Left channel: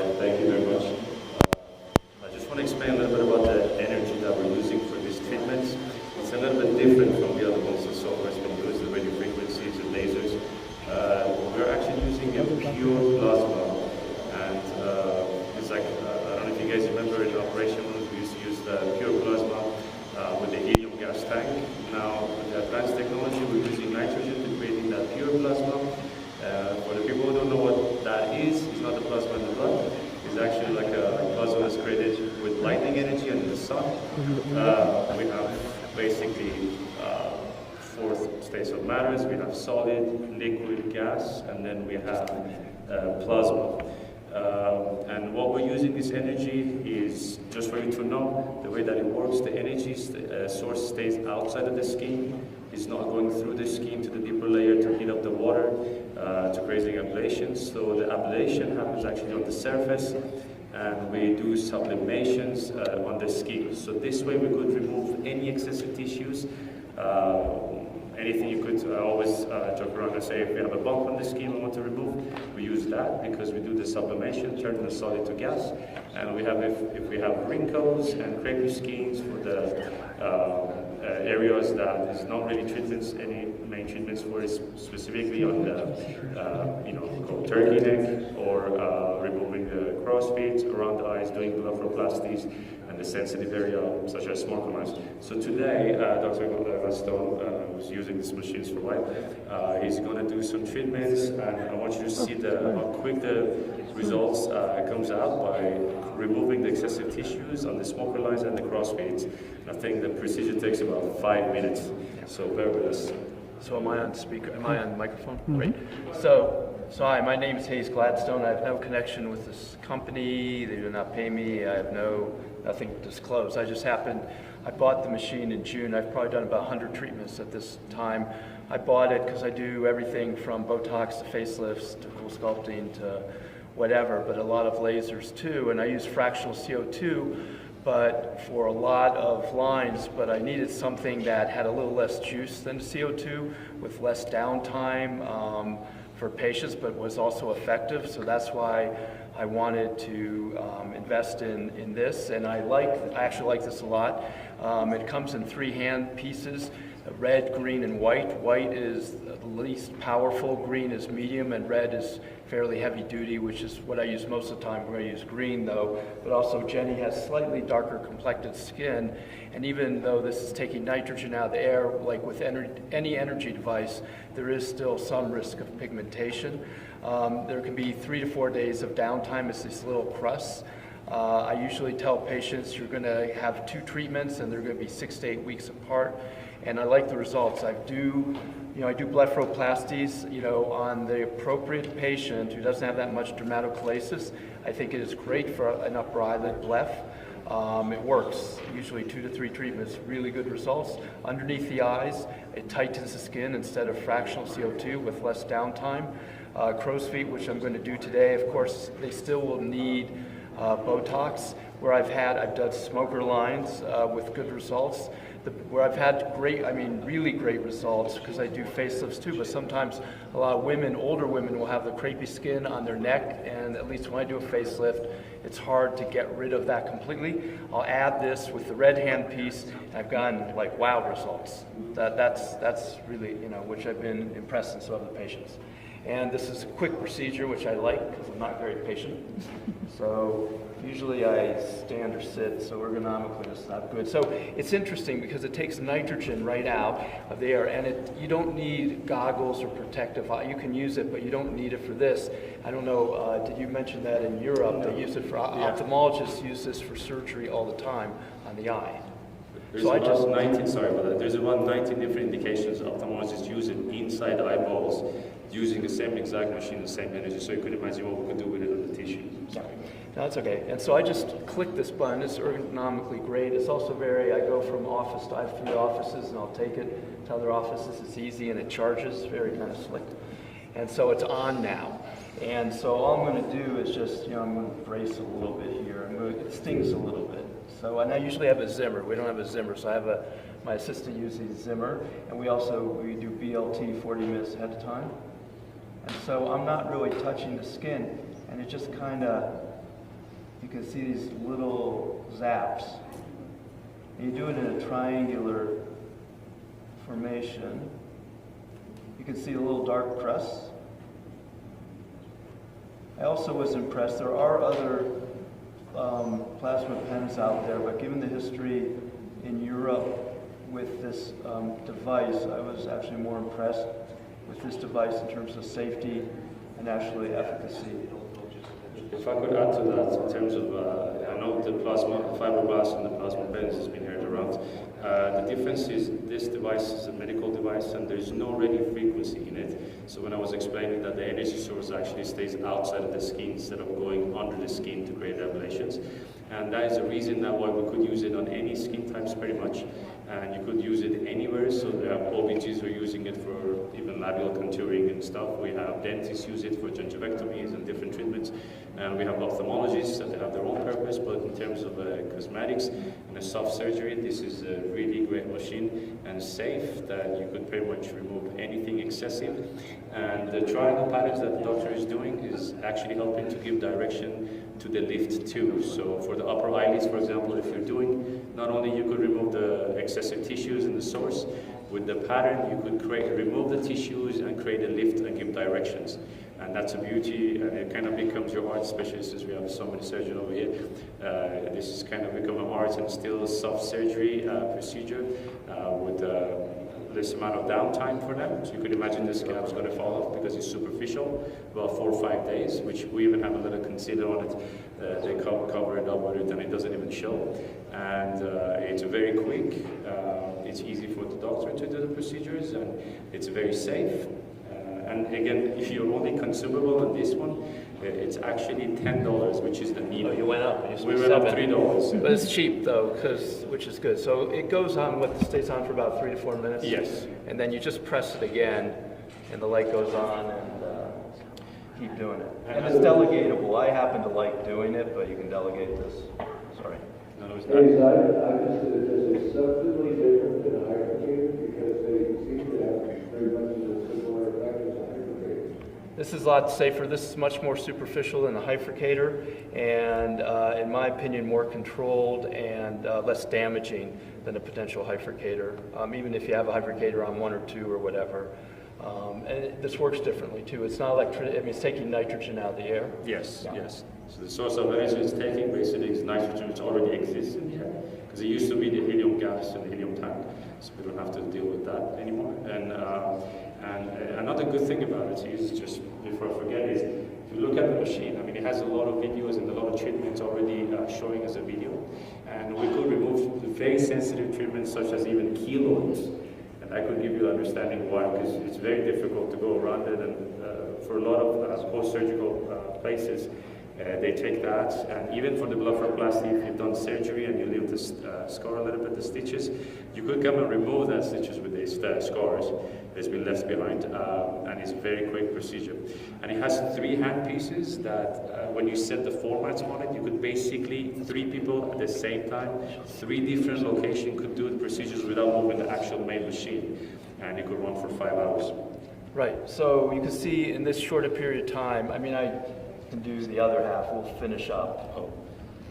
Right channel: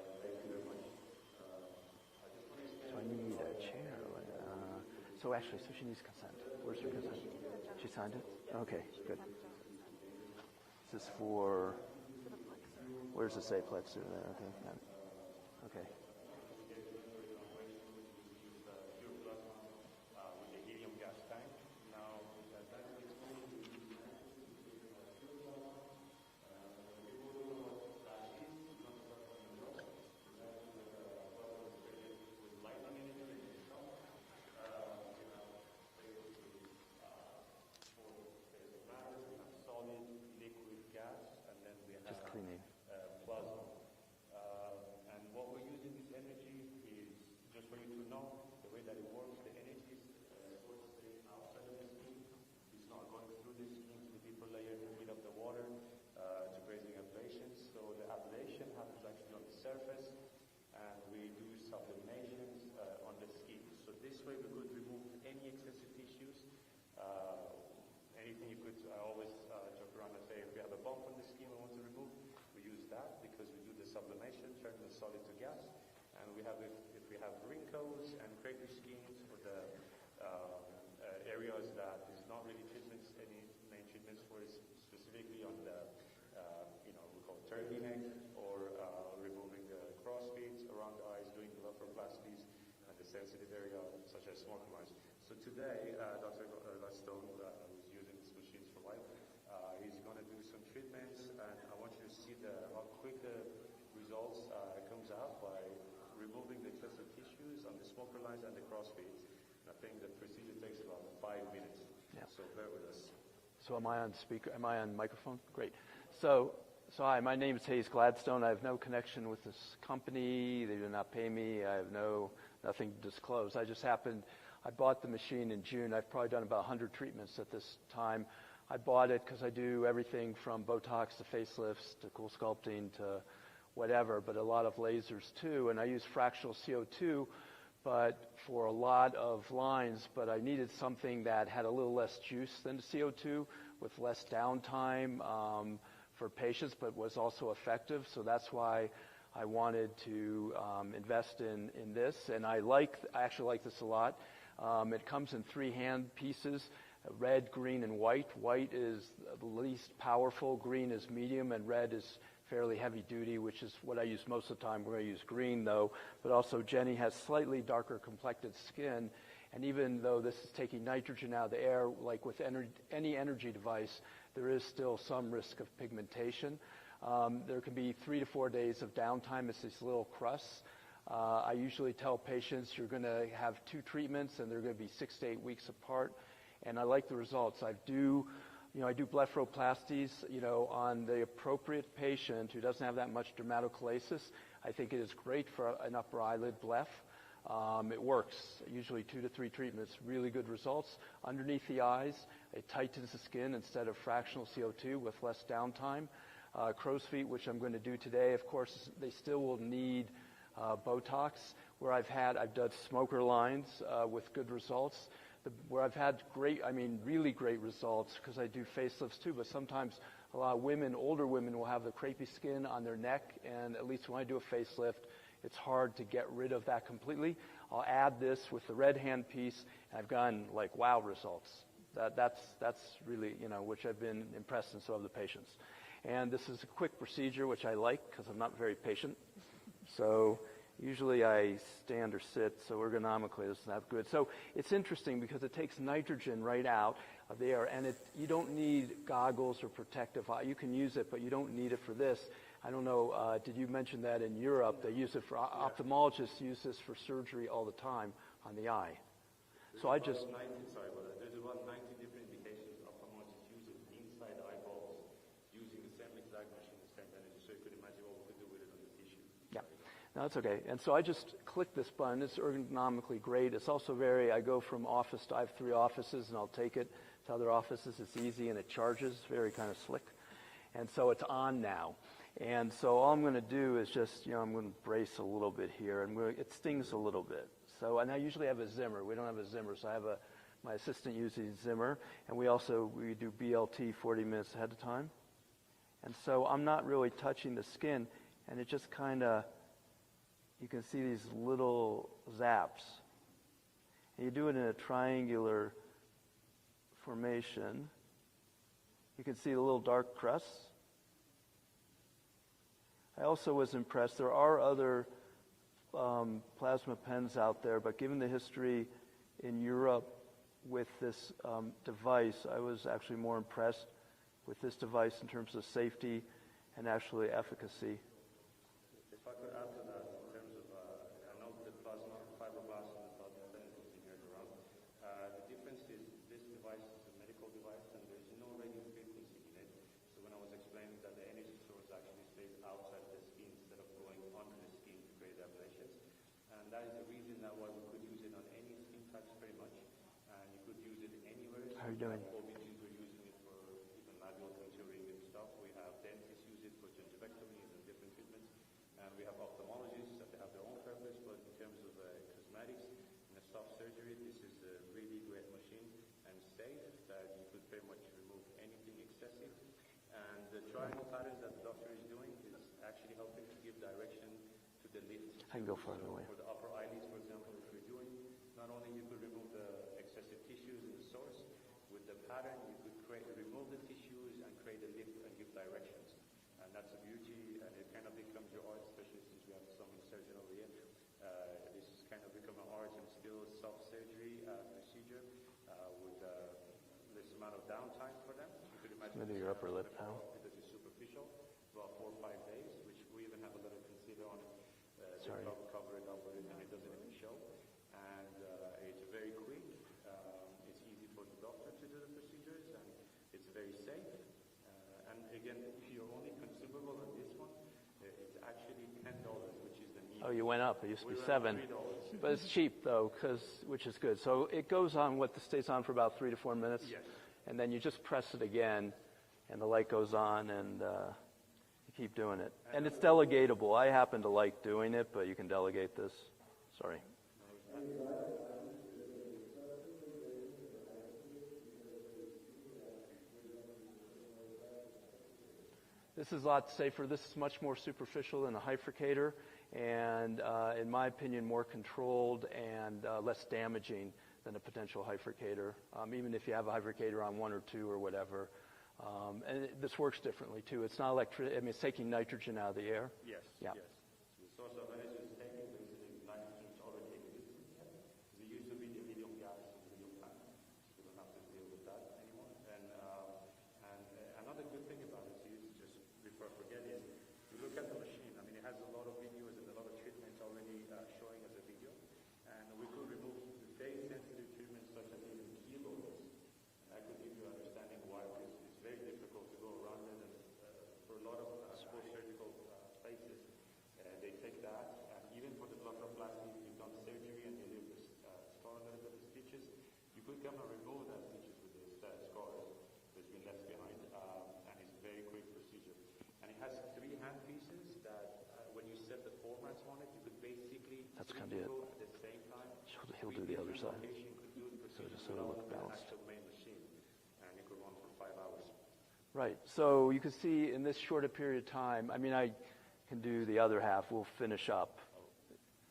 right, thank you very much. I just want to explain a little bit about the energy that we're using for these treatments. It's a little bit different from the other ones that so far has been used, the radio frequencies and lasers. We're actually using a pure plasma, and it's like, I don't know if you guys remember in operation rooms, we used to use the pure plasma with the helium gas tank. Now, with the advanced technology, we're using nitrogen to creating that pure plasma. For the people who don't know what that is, it's not the plasma in the blood. It's actually like a plasma that's created with lightning energy and the sun. We have basically four states of matters. We have solid, liquid, gas, and then we have plasma. And what we're using this energy is, just for you to know, the way that it works, the energy source stays outside of the skin. It's not going through the skin to the deeper layer to heat up the water, to creating ablations. So the ablation happens actually on the surface, and we do sublimations on the skin. So this way we could remove any excessive tissues. Anything you could always joke around and say, if we have a bump on the skin we want to remove, we use that because we do the sublimation, turn the solid to gas. And we have, if we have wrinkles and crepey skins for the areas that is not really treatments, any main treatments for is specifically on the, called turkey neck, or removing the crossfeet around the eyes, doing blepharoplasties, and the sensitive area such as smoker lines. So today, Dr. Gladstone, who's using these machines for a while, he's going to do some treatments, and I want you to see how quick the results comes out by removing the excessive tissues on the smoker lines and the crossfeet. I think the procedure takes about 5 minutes, so bear with us. So am I on speaker? Am I on microphone? Mm-hmm. Great. So hi, my name is Gladstone. I have no connection with this company. They do not pay me. I have nothing to disclose. I bought the machine in June. I've probably done about 100 treatments at this time. I bought it because I do everything from Botox to facelifts to cool sculpting to whatever, but a lot of lasers too. And I use fractional CO2, but for a lot of lines, but I needed something that had a little less juice than the CO2 with less downtime for patients, but was also effective. So that's why I wanted to invest in this, and I actually like this a lot. It comes in 3 hand pieces, red, green, and white. White is the least powerful, green is medium, and red is fairly heavy duty, which is what I use most of the time. We're going to use green though, but also Jenny has slightly darker complected skin, and even though this is taking nitrogen out of the air, like with any energy device, there is still some risk of pigmentation. There can be 3 to 4 days of downtime. It's these little crusts. I usually tell patients you're going to have 2 treatments and they're going to be 6 to 8 weeks apart, and I like the results. I do blepharoplasties, on the appropriate patient who doesn't have that much dermatochalasis. I think it is great for an upper eyelid bleph. It works, usually 2 to 3 treatments, really good results. Underneath the eyes, it tightens the skin instead of fractional CO2 with less downtime. Crow's feet, which I'm going to do today, of course, they still will need Botox. Where I've done smoker lines with good results. Where I've had really great results, because I do facelifts too, but sometimes a lot of women, older women, will have the crepey skin on their neck, and at least when I do a facelift, it's hard to get rid of that completely. I'll add this with the red hand piece, and I've gotten wow results. That's really, which I've been impressed in some of the patients. And this is a quick procedure, which I like because I'm not very patient. So usually I stand or sit, so ergonomically it's not good. So it's interesting because it takes nitrogen right out of the air, and you don't need goggles or protective eye. You can use it, but you don't need it for this. I don't know, did you mention that in Europe they use it for, ophthalmologists use this for surgery all the time on the eye. There's about 19, sorry about that. There's about 19 different indications ophthalmologists use it inside the eyeballs, using the same exact machine, the same energy. So you could imagine what we could do with it on the tissue. Yeah. No, that's okay. And so I just click this button. It's ergonomically great. It's also I go from office to, I have 3 offices, and I'll take it to other offices. It's easy, and it charges, very kind of slick. And so it's on now. And so all I'm going to do is just, I'm going to brace a little bit here. It stings a little bit. So, and I usually have a Zimmer. We don't have a Zimmer, so I have my assistant uses Zimmer, and we do BLT 40 minutes ahead of time. And so I'm not really touching the skin, and it just kind of you can see these little zaps. And you do it in a triangular formation. You can see a little dark crust. I also was impressed. There are other plasma pens out there, but given the history in Europe with this device, I was actually more impressed with this device in terms of safety and actually efficacy. If I could add to that, in terms of, I know the plasma, fiberglass and the plasma pens has been heard around. The difference is this device is a medical device and there's no radio frequency in it. So when I was explaining that the energy source actually stays outside of the skin instead of going under the skin to create ablations. And that is the reason that why we could use it on any skin types pretty much. And you could use it anywhere, so OBGs are using it for even labial contouring and stuff. We have dentists use it for gingivectomies and different treatments. And we have ophthalmologists that have their own purpose, but in terms of cosmetics and a soft surgery, this is a really great machine and safe that you could pretty much remove anything excessive. And the triangle patterns that the doctor is doing is actually helping to give direction to the lift too. So for the upper eyelids, for example, if you're doing, not only you could remove the excessive tissues in the source, with the pattern you could remove the tissues and create a lift and give directions. And that's a beauty, and it kind of becomes your art, especially since we have so many surgeons over here. This has kind of become an art and still soft surgery procedure with this amount of downtime for them. So you could imagine this scalp is going to fall off because it's superficial, about 4 or 5 days, which we even have a little concealer on it. They cover it up with it and it doesn't even show. And it's very quick, it's easy for the doctor to do the procedures, and it's very safe. And again, if you're only consumable on this one, it's actually $10, which is the needle. Oh, you went up. We went up $3. But it's cheap though, which is good. So it goes on, stays on for about 3 to 4 minutes? Yes. And then you just press it again, and the light goes on, and keep doing it. And it's delegatable. I happen to like doing it, but you can delegate this. Sorry. No, it's Hey, not. I just it's substantially different than a hypercator because they seem to have very much of a similar effect as a hypercator. This is a lot safer. This is much more superficial than the hyfricator, and in my opinion, more controlled and less damaging than a potential hyfricator. Even if you have a hyfricator on 1 or 2 or whatever. This works differently too. It's not it's taking nitrogen out of the air. Yes, Yeah. yes. So the source of energy it's taking basically is nitrogen which already exists in the air. Because it used to be the helium gas and the helium tank. So we don't have to deal with that anymore. And another good thing about it is, just before I forget, is if you look at the machine, I mean it has a lot of videos and a lot of treatments already showing as a video. And we could remove very sensitive treatments such as even keloids. And I could give you an understanding why, because it's very difficult to go around it, and for a lot of post-surgical places, they take that, and even for the blepharoplasty, if you've done surgery and you leave the scar a little bit, the stitches, you could come and remove that stitches with these scars that's been left behind, and it's a very quick procedure. And it has 3 hand pieces that when you set the formats on it, you could basically 3 people at the same time, 3 different locations could do the procedures without moving the actual main machine, and it could run for 5 hours. Right. So you can see in this shorter period of time, I mean, I can do the other half. We'll finish up. Oh,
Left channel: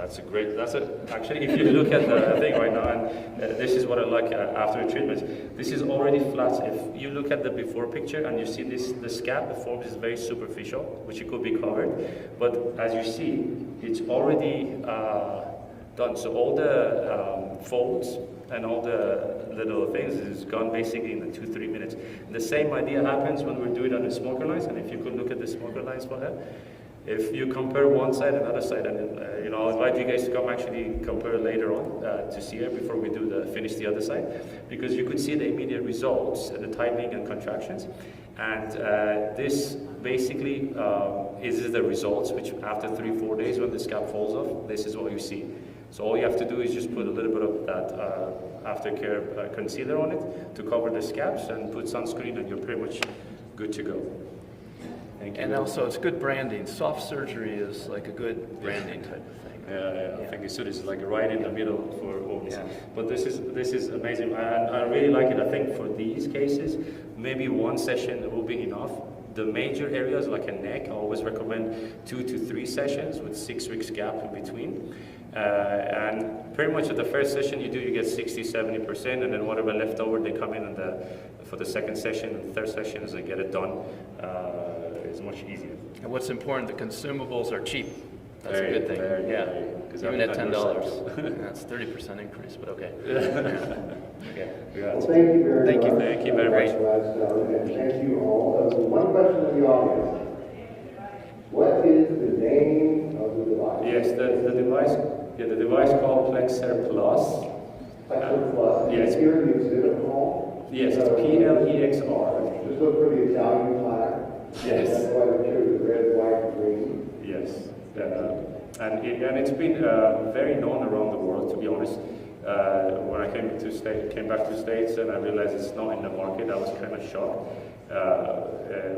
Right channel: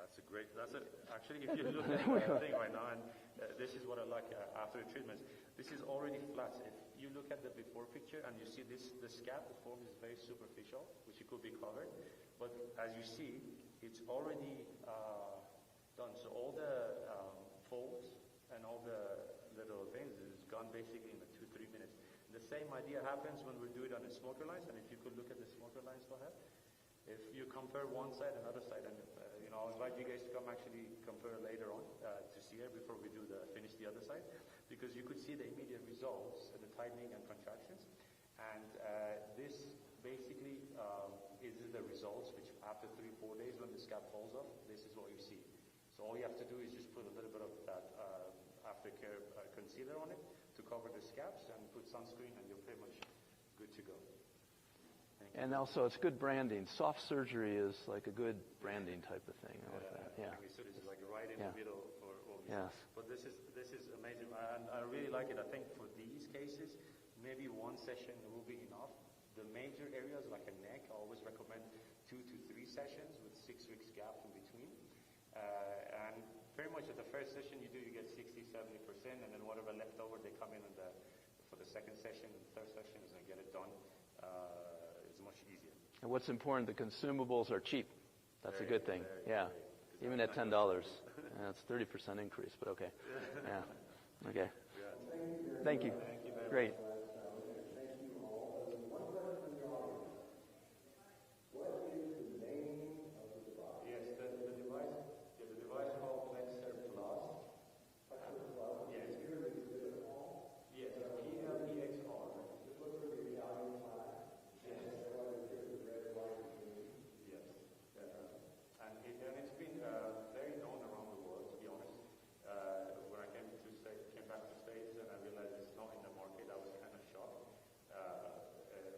actually, if you look at the thing right now, and this is what I like after the treatment, this is already flat. If you look at the before picture and you see the scab, the form is very superficial, which it could be covered, but as you see, it's already done. So all the folds and all the little things is gone basically in the 2-3 minutes. The same idea happens when we're doing it on the smoker lines, and if you could look at the smoker lines for her, if you compare one side and the other side, and I'll invite you guys to come actually compare later on to see it before we do finish the other side, because you could see the immediate results, the tightening and contractions, and this basically is the results, which after 3-4 days when the scalp falls off, this is what you see. So all you have to do is just put a little bit of that aftercare concealer on it to cover the scabs and put sunscreen, and you're pretty much good to go. Thank you. And also, it's good branding. Soft surgery is like a good branding type of thing. Yeah. I think it's like right in the middle for all. Yeah. But this is amazing, and I really like it. I think for these cases, maybe 1 session will be enough, The major areas like a neck, I always recommend 2 to 3 sessions with 6 weeks gap in between. And pretty much at the first session you do, you get 60–70%, and then whatever left over, they come in for the second session and third sessions and get it done. It's much easier. And what's important, the consumables are cheap. That's Very, a good thing. very, Yeah. very, Even at $10. That's 30% increase, but okay. Okay. Well, thank you very Thank much. you. Thank you very much. Gladstone, and thank you all. One question in the audience. What is the name of the device? Yes, the device called Plexr Plus. Plexr Plus. Yes. Here in the exhibit hall. Yes, it's PLEXR. Just look for the Italian flag. Yes. That's why we chose the red, white, and green. Yes. And it's been very known around the world, to be honest. When I came back to States and I realized it's not in the market, I was kind of shocked.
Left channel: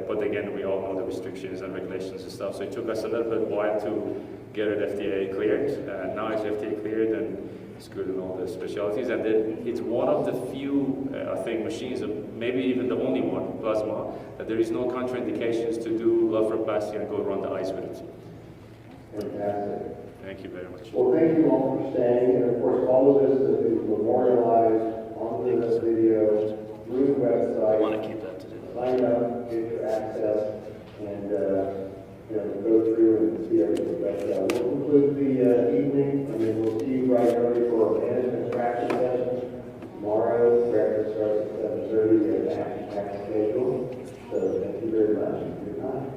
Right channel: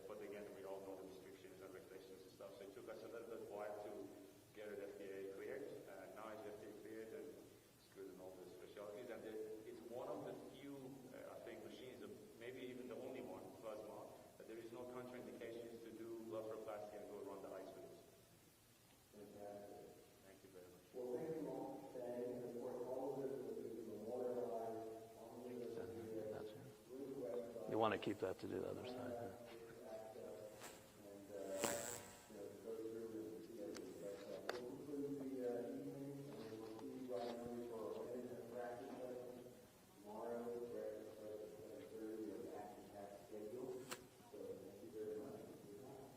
But again, we all know the restrictions and regulations and stuff, so it took us a little bit while to get it FDA cleared. Now it's FDA cleared and it's good in all the specialties. And it's one of the few, I think, machines, maybe even the only one, plasma, that there is no contraindications to do blepharoplasty and go around the eyes with it. Fantastic. Thank you very much. Well, thank you all for staying, and of course, all of this is memorialized on the video through the website. I want to keep that to do. Sign up, get your access, and go through and see everything. But we'll conclude the evening, and then we'll see you right early for a management traction session tomorrow. Breakfast starts at 7:30. We have an action-packed schedule. So thank you very much. Good night.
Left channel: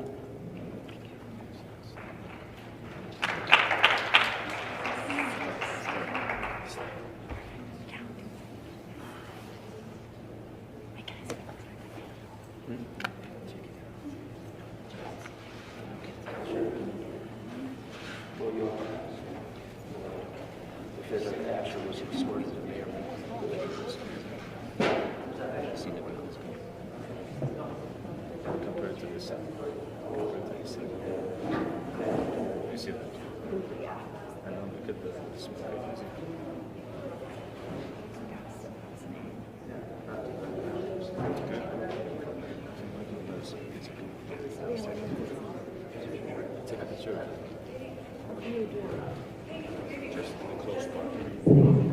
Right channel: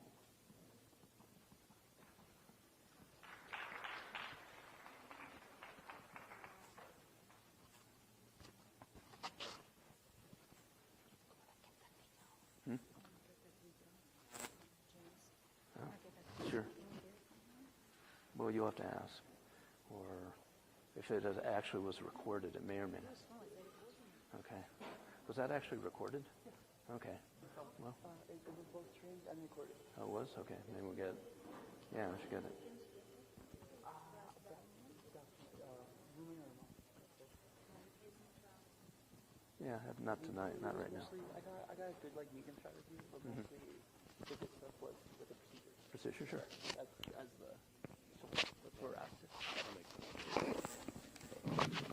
Well, you want to ask? Because it actually was sorted in there. Was that actually seen it? Compared to this, you see that? And then look at the small pages. Yeah, not tonight. It's good. Sure. Just the close part.